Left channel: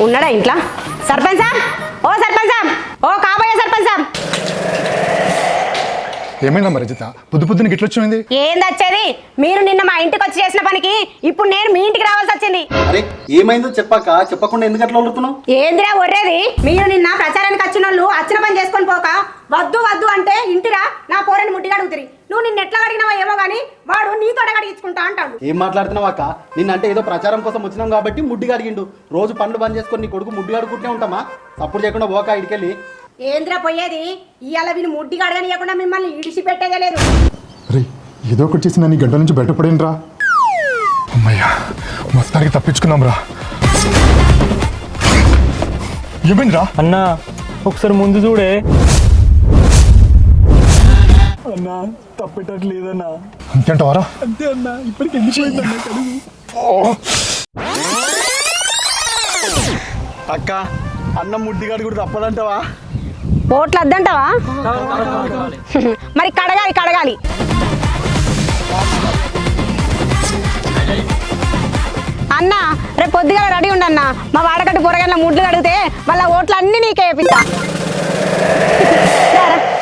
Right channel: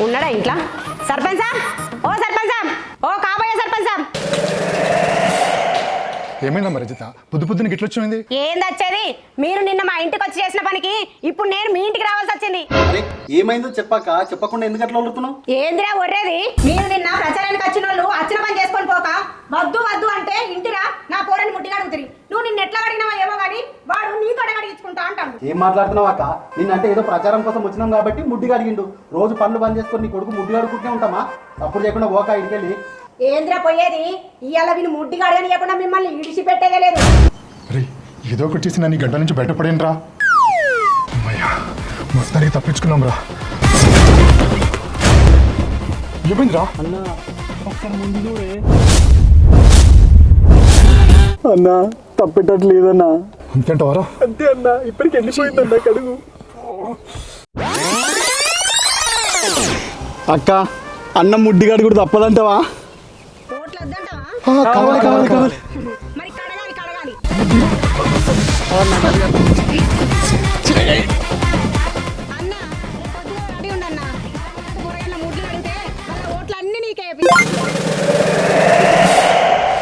ఉన్నాడా ఇంట్లో? సర్పంచ్ సాబ్? ఓ సర్పంచ్ సాబ్! ఓ కాబోయే సర్పంచ్ సాబ్! ఏమైందమ్మా రజిత? పొద్దు పొద్దున గిట్ల వచ్చింది ఏంది వచ్చేది? మీరు నిన్న మా ఇంటికి వచ్చి చేసిన పనికి ఇప్పుడు నేను మీ ఇంటికి రావాల్సి వచ్చింది. అరే ఏమైందో చెప్పాక చెప్పకుండా ఎందుకు అట్లా వదులుతున్నావు ఏందిరా ఒర్రేది? మీరు నిన్న ప్రచారానికి వచ్చిన వాళ్ళు అచ్చిన పని చేసుకొని పోక వద్దు వద్దు అంటే ఇంటిరా నా పోరని ముట్టిగా అడుగుతుంది నువ్వు నిన్న ఎట్లా అడిగినావో ఏమో కానీ వాడు నీతో అడిగించుకుంటా అంటాడు. ఏం మాట్లాడుతున్నావు అక్క? నిన్నంటే ఏదో ప్రచారం కోసం వచ్చినాం కాబట్టి ముడ్డిగా అడిగిండు. రోజు పనులు బంద్ చేసుకొని నీ కొడుకు ముడ్డిగా అడుగుకుంటే ఉంటామా? అప్పుడు చేయకుండా పోక ఇంటికెళ్ళి ఏంద్రా పోయేది? ఇవాళ వీని ముడ్డిగా అడగనియకుండా మిమ్మల్ని ఇడిచి పెట్టేదే లేదు ఏదో ఒకటి చేసి నన్ను ఈ గంట నుంచి బయటపడేను రా అమ్మయ్యా మొత్తానికి తప్పించుకున్నాం రా ఏమైందిరా? అన్నా ఒకసారి ముందు చూడే. అన్నా తప్పేటట్లేదన్నా అంతేంటవారా అంతే అన్నా ఇప్పటికి ఎందుకు పోయిందన్నా కడుగు. అక్క అన్న ముడ్డిగాడు కూడా తప్పదంటావా? ఓట్లు వద్దంటావా మరి కడగాలి కడగాలి. అన్న రేపు పొద్దుగా రెడీ ఉండన్న మా వాడకట్టు పొరగన్న ముడ్లు అడిగితే వాళ్ళ ఓట్లు అన్ని నీకే వేపిస్తా.